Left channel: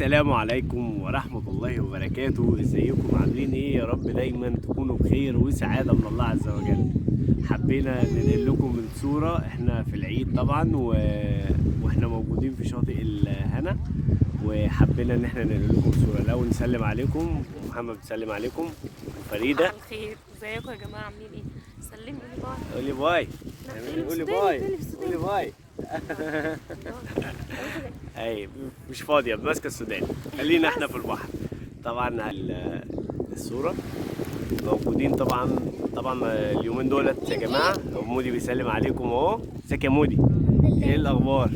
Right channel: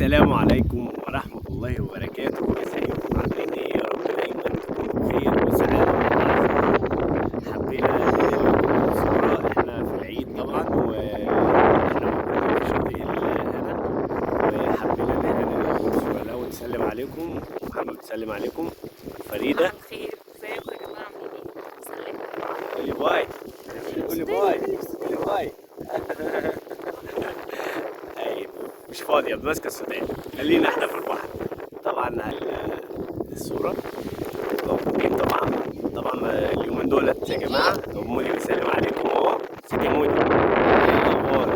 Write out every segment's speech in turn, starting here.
السلام عليكم ورحمة الله وبركاته. ازيكم عاملين ايه؟ يا رب دايما تكونوا بخير وسعادة والله عز وجل. حبينا ننقل لكم صورة احنا في العيد طبعا، واحنا موجودين في شاطئ الهنا، وحبينا ان احنا ننقل لكم صورة. لو نسلم عليكم، محمد بتسلم عليكم، فريدة صباح الخير، ازيكم يا جماعه؟ عاملين ايه؟ سلموا. قولي باي. قولي باي. قولي باي. ايوه مش فاضية ماسكة السودان، خلينا احنا في البحر. طبعا الصورة موجودين طبعا اليومين دولت يا جماعة. مودي بيسلم عليكم اهو. ازيك يا مودي؟ ايه الأخبار؟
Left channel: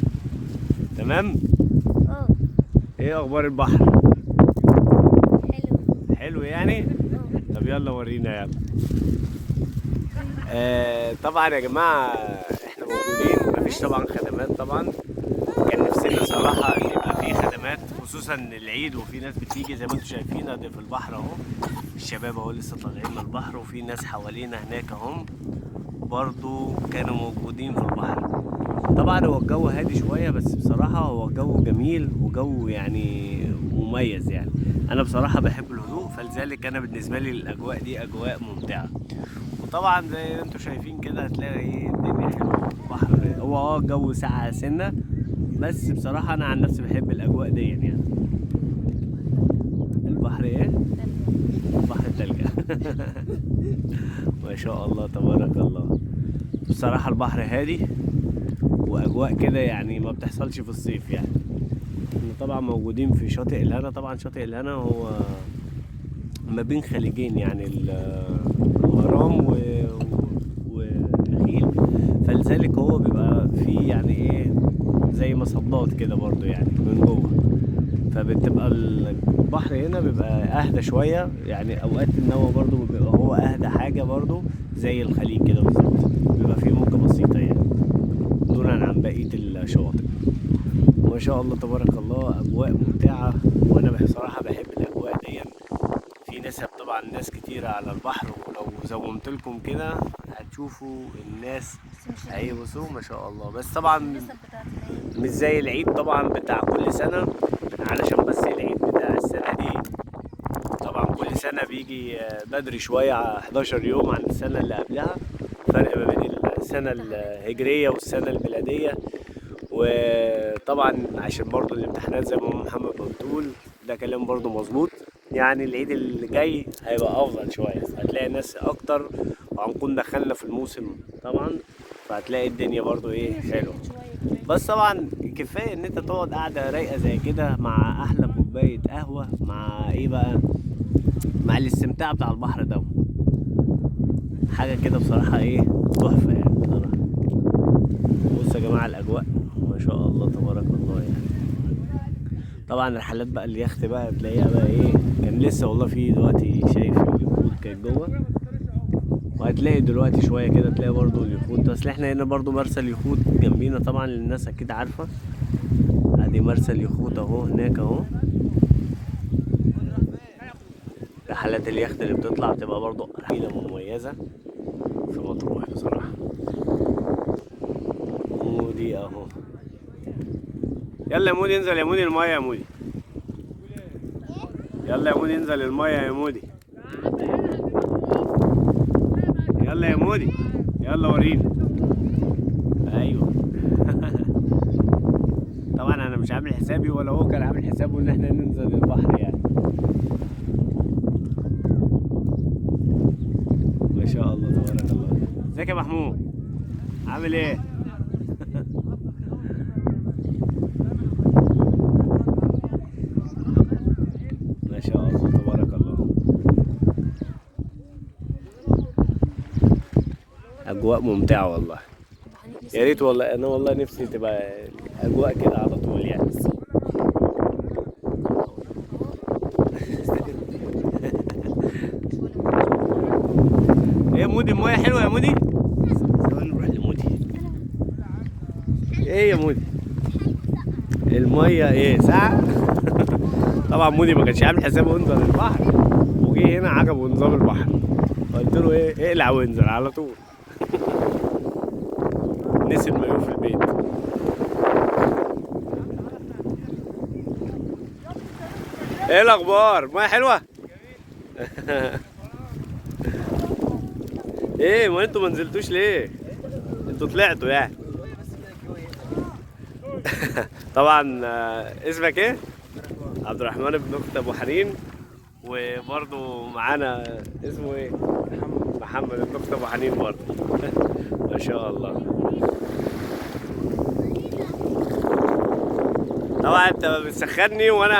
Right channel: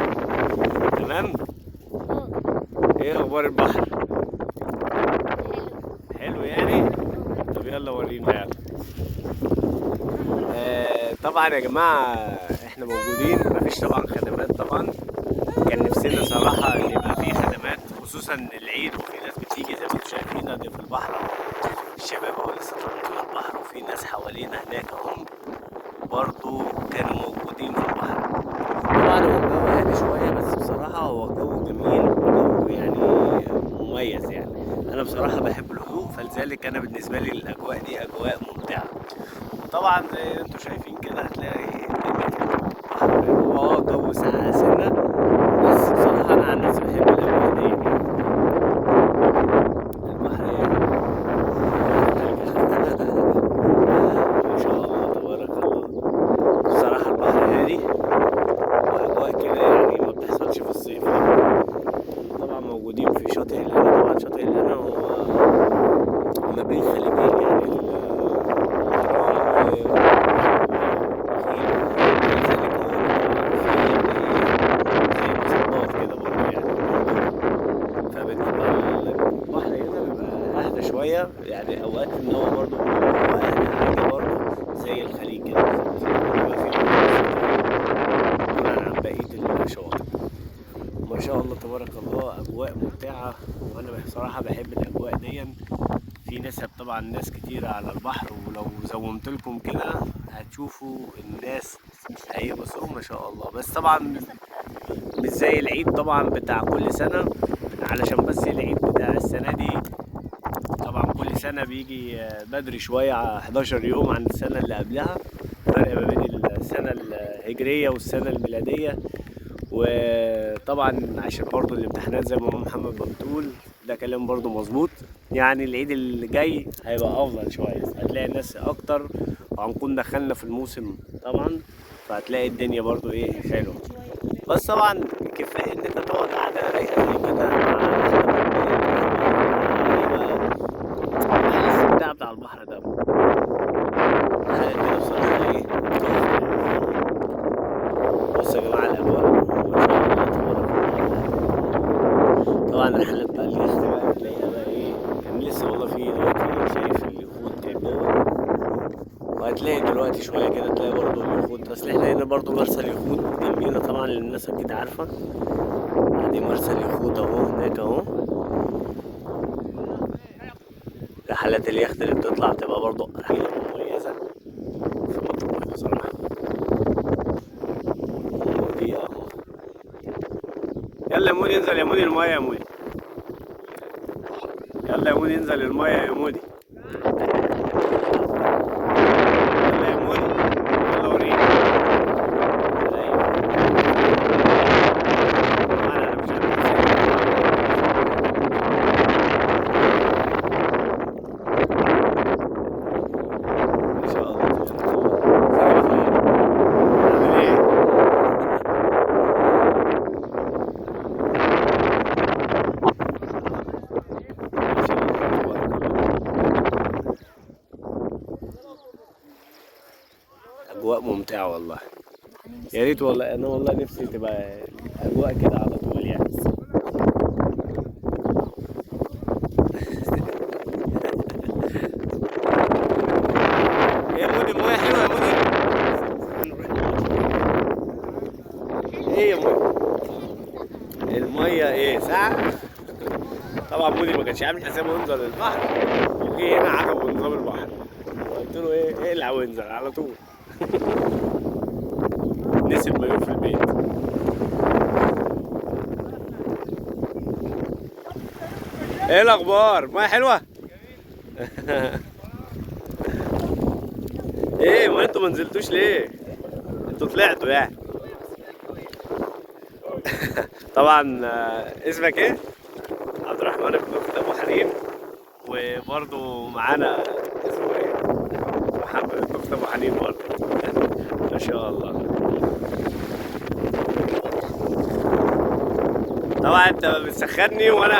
تمام؟ ايه أخبار البحر؟ حلو يعني؟ طب يلا ورينا يعني. طبعا يا جماعة احنا موجودين، مفيش طبعا خدمات طبعا. كان نفسنا صراحة ان يبقى في خدمات، خصوصا العيد وفي ناس بتيجي زي ما انتم شايفين ادي في البحر اهو. الشباب اهو لسه طالعين على البحر، وفي ناس حوالينا هناك اهم برضو كانوا موجودين في البحر. طبعا هو الجو هادي شوية، بس بصراحة هو جو جميل وجو يعني مميز يعني. انا بصراحة بحب الهدوء، فلذلك انا بالنسبة لي الاجواء دي اجواء ممتعة. طبعا زي ما انتم شايفين كده هتلاقي ايه الدنيا حلوة. البحر هو جو ساقع سنة، بس بصراحة أنا عن نفسي بحب الأجواء دي يعني. البحر إيه؟ تلج. ما شاء الله تبارك الله. بصراحة البحر هادي وأجواء كده يعني ما بتحصلش في الصيف يعني. طبعا موجودين في شاطئ الهنا. طبعا شاطئ الهنا هو ما بين خليجين يعني، الغرام والنخيل، فلذلك هو بيبقى فيه يعني إيه زي مصدات كده برضه يعني من جوه. فبتبقى البحر هنا بيبقى اهدى شويه يعني. اوقات ان هو برضو هو اهدى حاجه برضو زي الخليج كده بالظبط، بيبقى فيه متوسط يعني دونا عن بقيه الشواطئ. ما شاء الله تبارك الله، اجواء ممتعه، وانا بصراحه بحب الاجواء دي. في نسب طبعا ناس كتيرة على البحر، ولو زومت لكم كده هتشوفوا الناس هيبصوا ما شاء الله. بس طبعا مش زي العيد طبعا بتاع كل سنة، علشان بس العيد بتاع السنة دي طبعا كل سنة بيجي بدري شوية 11 يوم عن السنة اللي قبلها. فرق ما بين السنة الهجرية والسنة الميلادية. وطبعا عشان برضو الامتحانات زي ما محمد بتقول، ده كلام برضو مظبوط. يعني العيد اللي جاي هيبقى افضل شوية، هتلاقي ناس اكتر، وهنكون دخلنا في الموسم طبعا، فهتلاقي الدنيا برضو ايه حلوة. بس طبعا كفايه ان انت تقعد قاعده رايقه زي كده مع احلى كوبايه قهوه، مع الاستمتاع بتاع البحر ده، حاجه كده بصراحه ايه تحفه يعني. بصوا يا جماعه الاجواء ما شاء الله تبارك الله. طبعا الرحلات بقى اليخت بقى تلاقيها بقى ايه، كان لسه والله في دلوقتي شايف اليخوت كان جوه، وهتلاقي دلوقتي شويه كده تلاقي برضو اليخوت. اصل احنا هنا برضو مرسى اليخوت جنبينا طبعا، للناس اكيد عارفه. ادي مرسى اليخوت اهو هناك اهو. رحلات اليخت اللي بتطلع بتبقى برضو رحلة مميزة في مطروح بصراحة. مودي اهو. يلا يا مودي انزل يا مودي المايه يا مودي. يلا يا مودي انزل المايه يا مودي. يلا يا مودي. يلا وريني. ايوه. طبعا انا مش عامل حسابي ما شاء الله تبارك الله. ازيك يا محمود؟ عامل ايه؟ ما شاء الله تبارك الله. اجواء ممتعة والله. يا ريت والله، انا والله نفسي تبقى الاجواء كده على طول يعني. يا مودي المايه حلوه يا مودي. ايه يا مودي؟ المايه ايه ساعة؟ طبعا مودي ما كانش عامل حسابه ينزل البحر، وجي هنا عجبه نظام البحر، وقلت له ايه اقلع وانزل على طول. نسي المايوه في البيت. ايه الاخبار؟ ميه حلوه. ايه ما انتوا ما نزلتوش ليه؟ انتوا طلعتوا يعني. طبعا اسمك ايه؟ عبد الرحمن بن اخت ابو حنين. وبرضه معانا اسمه ايه؟ محمد بن اخت ابو حنين برضه. ما شاء الله. طبعا انت بتسخني وانا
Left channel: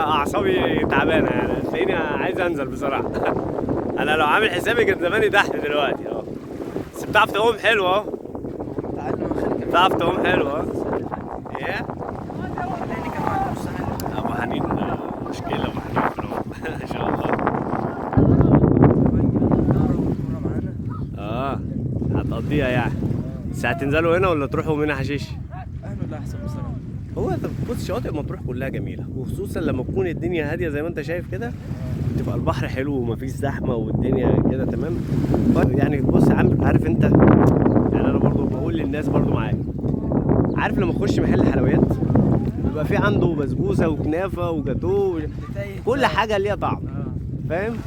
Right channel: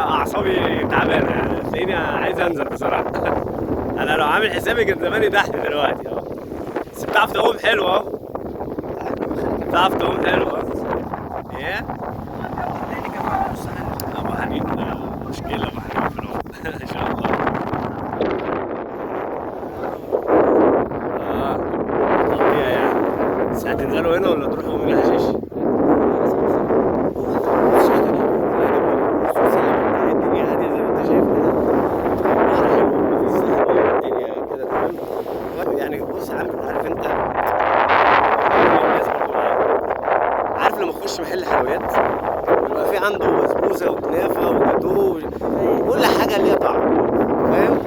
اعصابي تعبانه يعني، تلاقيني عايز انزل بصراحه. انا لو عامل حسابي كان زماني تحت دلوقتي اهو. بس بتعرف تعوم حلو اهو. بتعرف تعوم حلو اهو. ايه؟ ابو حنين مشكله، ابو حنين في العوم. ما شاء الله. اه تقضيها يعني. بس هتنزلوا هنا ولا تروحوا من حشيش؟ هو بص شاطئ مطروح كلها جميله، خصوصا لما تكون الدنيا هاديه زي ما انت شايف كده. البحر حلو ومفيش زحمه والدنيا كده تمام. يعني بص يا عم، عارف انت كل الناس برضو معاك. عارف لما تخش محل حلويات يبقى في عنده بسبوسه وكنافه وجاتوه وكل حاجه ليها طعم، فاهم؟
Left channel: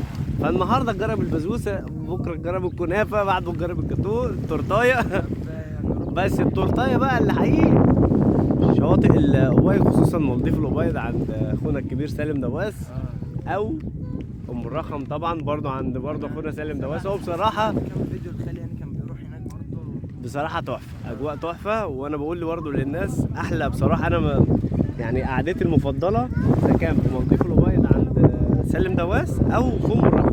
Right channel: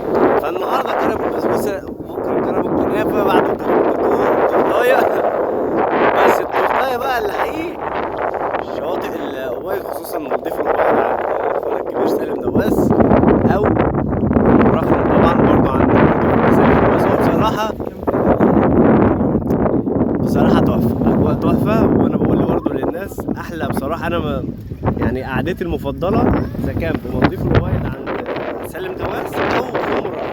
فالنهارده جرب البسبوسه، بكره جرب الكنافه، بعده جرب الجاتوه التورتايه. بس التورتايه بقى اللي حقيقي شواطئ الأوبايد، خصوصا نضيف الأوبايد عند اخونا الكبير سالم نواس، او الرخم طبعا برضه عند اخونا سالم نواس. هو بصراحه تحفه، اجواء تحفه. وانا بقول برضه للناس احلى بصراحه. انا ما يعني قعدتي المفضله اذا كان في مضيف الأوبايد عند سالم نواس، او في الرخم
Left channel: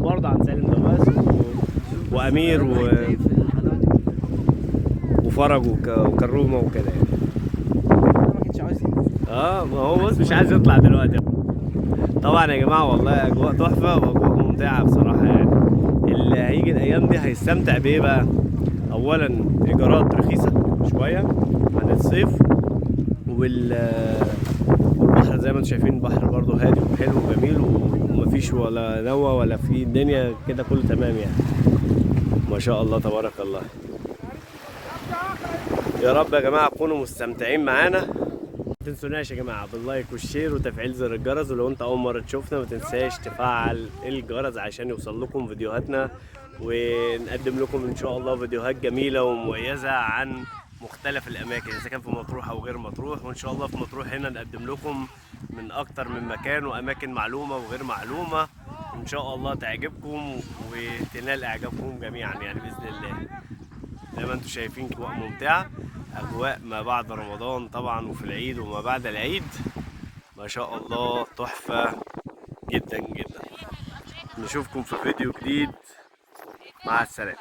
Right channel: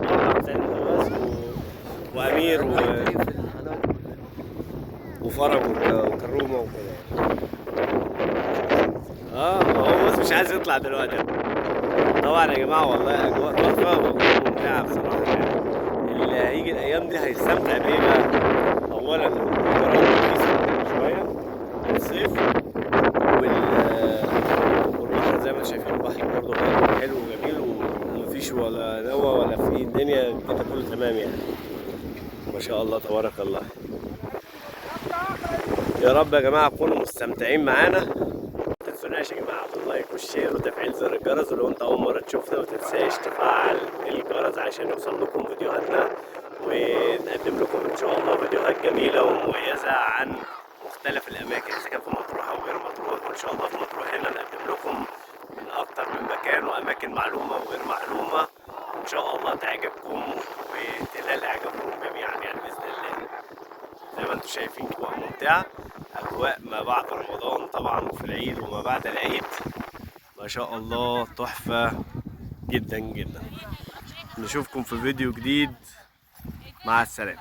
برضه عند سالم نواس وامير وفرج وكرومه وكده يعني. ما هو بص مش عايز يطلع دلوقتي. طبعا يا جماعه والله اجواء تحفه واجواء ممتعه بصراحه يعني. اللي هيجي الايام دي هيستمتع بايه بقى؟ اولا ايجارات رخيصه شويه عن الصيف، والبحر زي ما انتم شايفين البحر برضه هادي حلو وجميل، ومفيش ولا نوى ولا في الدنيا كده، كله تمام يعني. ما شاء الله تبارك الله. يا رب يا جماعه تكونوا مستمتعين معانا. ما تنسوناش يا جماعه باللايك والشير وتفعيل زر الجرس، ولو انت اول مره تشوفنا ما تنساش تفعل الجرس عشان يوصل لكم فيديوهاتنا، ونقدم لكم ان شاء الله فيديوهات جميله ومميزه عن مختلف الاماكن، اذا كان في مطروح او غير مطروح. وان شاء الله في مطروح هنا نقدم لكم من اكتر من مكان واماكن معلومه وغير معلومه، ان شاء الله تعجبكم وتنال اعجابكم جميعا يعني باذن الله. زي ما انتم شايفين اجواء ممتعه، اجواء ما بعد رمضان طبعا وفي العيد وما بعد العيد، ما شاء الله تحفه جدا جدا. نشوفكم في فيديو جديد، مع السلامه.